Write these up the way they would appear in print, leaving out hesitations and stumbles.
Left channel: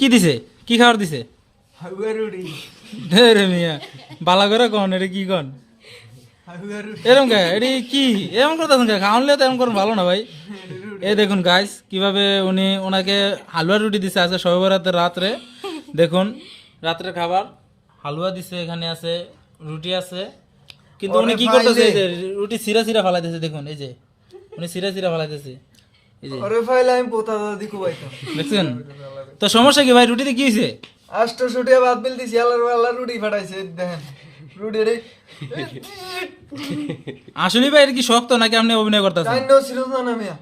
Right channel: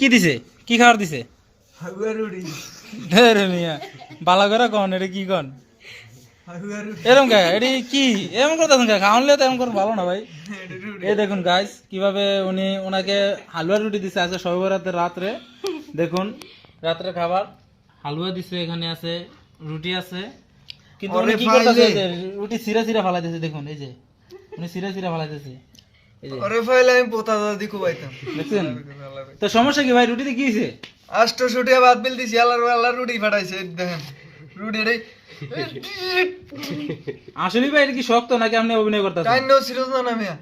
কি দিছে? কি খাবার দিছে? ধরে মিয়া বালা করে কন এটা কি কন? এরকম কা এটি কি এরকম করতেছেন কা? খাওয়ালে তো এরকম করুন ভালো না ভাই। এই দেখুন গাইস কিভাবে উনি ওনাকে হালুয়া রুটি দিছে আজকে শবে বরাতের রাত্রে। দেখুন রাত্রে খাবার হালুয়া দিছে, এখানে আছে রুটি আছে, কিন্তু উনি কি করতেছে? এই যে রুটি সিরা সিরা ফালাইতেছে। দেখুন এই যে উনি সিরা সিরা ফালাইতেছে। এই যে আরে ফাইলে আমি পোতা দাদি কোবাইতাম। দেখছেন তো সমস্যা কি ভাই? রুটিতে কি হয়েছে? 800 টাকা বাদ বিল দিছি, আল্লাহর রুটি ফাটাইছে দেখেন। রুটি রে আসলে ভাই এটা কি শক্ত নাকি আপনি অভিনয় করতেছেন? কাইন্ডও সিরিয়াস না মিয়া।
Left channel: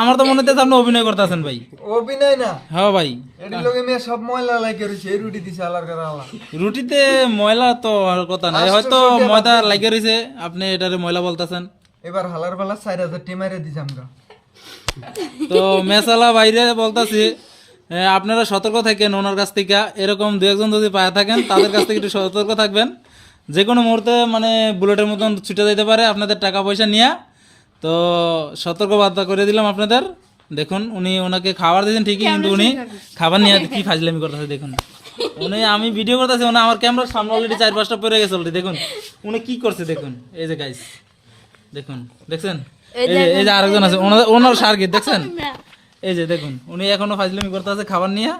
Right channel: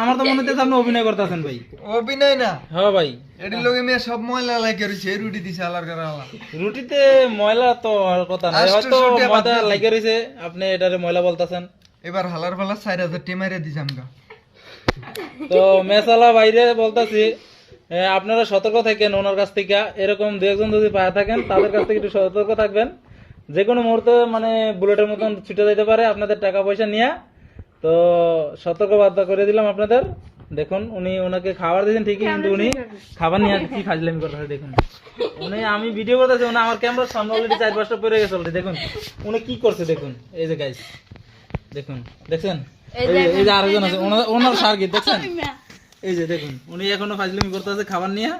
আমার তো মনে হচ্ছে আপনি অভিনয় করতেছেন ভাই। অভিনয় না, হ্যাঁ ভাই। এডি লগে মিয়া সব ময়লা লাগে রইছে, এই রুটি দিছে আল্লাহর কারা আল্লাহ। রুটিতে ময়লা তো আর কথা নাই, হয়তো 800 টাকা ময়দা বাদ লাগে রইছে, আপনি এটারে ময়লা বলতেছেন। এবার হালার ফালা 4000 টি মাইরে দিছাম গা। তো মেসালা বাইরে বলতেছি আপনারা সতর্ক থাকেন ওনার কাছ থেকে। এরকম দু একজন যদি পায়ে থাকেন তাদের কাছ থেকে একটু সতর্ক থাকবেন। যে কোনো মুহূর্তে মানে বুলেটের মতন ছুটে যেতে পারে আপনাদের টাকা পয়সা নিয়ে। তো সতর্ক বার্তা করে দিলাম আপনাদের। দেখুন উনি ওনাকে খাবার দিয়েছেন ঠিকই, কিন্তু উনি খাবার নিয়ে কি ফাজলামি করতেছে। দেখুন উনি, আমি ভিডিও করতেছি, উনি আমার ক্যামেরার সামনে অলরেডি 4-5টা পরে গেছে অলরেডি। দেখুন উনি কি করছে দেখুন। এই যে গাইস দেখুন, দেখছেন এই যে আরেকজন আছে ওনার শার্গিত দেখছেন। এই যে দেখুন উনি এখনো ফাজলামি করতেছে খাবার নিয়ে।